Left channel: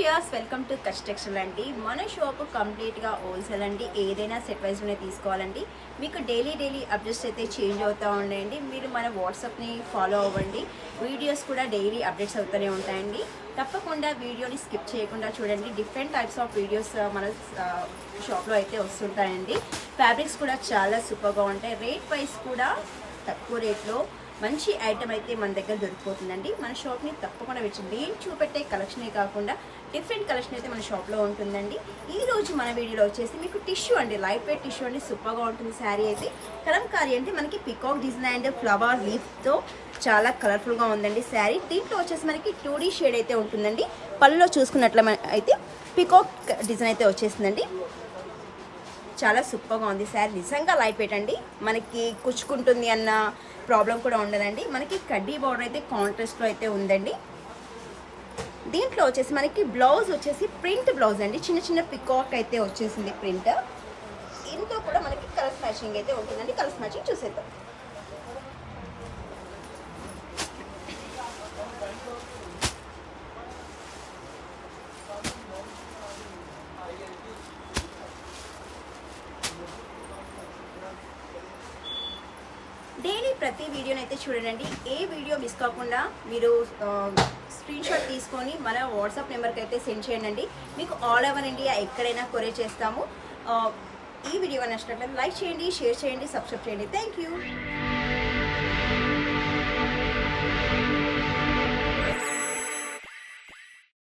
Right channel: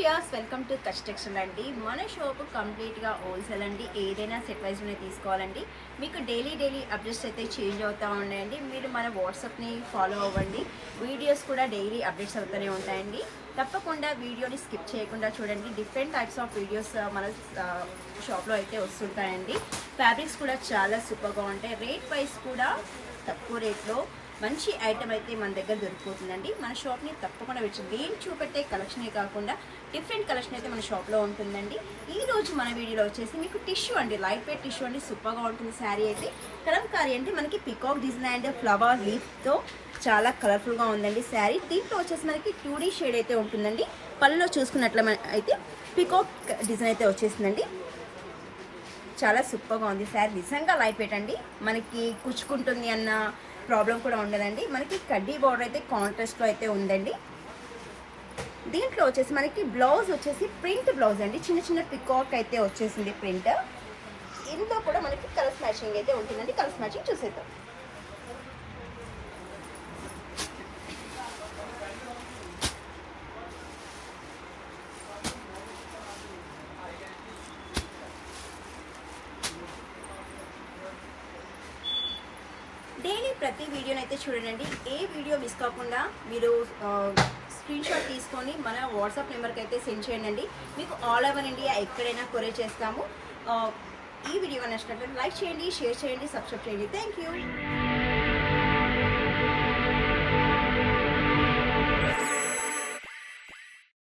Viewers welcome to construction అండి. మన shop కంప్లీట్గా హోల్సేల్ అండి. ఏదైనా సెట్ వైజ్లోనే తీసుకోవాలండి. మీకు డైలీ అప్డేట్స్ అయితే చేంజ్ అవుతూ ఉన్నాయండి. మీరు మన వాట్సాప్ని ఫాలో అవ్వండి. వీడియోస్ కూడా డైలీ అప్డేట్స్ అవుతూనే ఉంటాయండి. తప్పకుండా వీడియోని స్కిప్ చేయకుండా చూడండి. డిఫరెంట్ టైప్స్ ఆఫ్ వీడియోస్ మన షాప్లో అయితే వస్తుంటాయండి. ఫ్యాబ్రిక్స్ కూడా చాలా సూపర్గా ఉంటాయి. రేట్ వైజ్ కూడా తక్కువ రేట్లో మంచి ఐటమ్ అయితే మన దగ్గర దొరికిపోతుందండి. మన షాప్ని తప్పకుండా వచ్చి నేను చూపెట్టే కలెక్షనే కాకుండా డిఫరెంట్ కలెక్షన్ అయితే మన షాప్లో ఉంటుందండి. ఈ రోజు మన వీడియోలో వచ్చేసి మీకు టిష్యూ అండి, లైట్ వెయిట్ టిష్యూ అండి, సూపర్గా ఉంటుంది. శారీ అయితే కలంకారీ అంటే మనకి పికాక్ డిజైన్ అండ్ ఫ్లవర్ లీఫ్తో చాలా కలర్ఫుల్గా ఉందండి శారీ. దీంట్లో వచ్చేసి మనకి 2D షేడ్ అయితే ఉంటుందండి. పళ్ళులో చూసుకున్నట్ల అయితే పికాక్ డిజైన్ అయితే వచ్చేసిందండి. చాలా సూపర్గా ఉంది శారీ. నిజంగా లైట్ వెయిట్ అండి. మనకి కుచ్చుకుంటుంది అన్న ప్రాబ్లం కూడా ఉండదండి. మనకి కడ్డీ బార్డర్ అయితే కాంట్రాస్ట్లో అయితే ఉందండి. దీంట్లో వచ్చేసి మనకి బ్లౌజ్ వచ్చేసి ప్రింట్ బ్లౌజ్ అండి. చిన్న చిన్న పికాక్ అయితే వచ్చేసింది ప్రింట్. ఇంట్లో కూడా మనకి కలర్స్ మ్యాచింగ్ అయితే ఉంటుందండి. కలర్స్ మ్యాచింగ్ చూసేద్దాం. డైలీ ప్రతి వీడియోని అయితే చూడండి. ఏ వీడియో మిస్ కాకుండా మీరు స్క్రీన్ షాట్ తీసుకొని మన వాట్సాప్ నెంబర్కి అయితే సెండ్ చేయండి. మీకు ఆల్ ఓవర్ ఇండియా ఎక్కడైనా కొరియర్ చేస్తాము. ఈ వీడియో నచ్చినట్లయితే లైక్ చేయండి, షేర్ చేయండి, సబ్స్క్రైబ్ చేయండి. Thank you.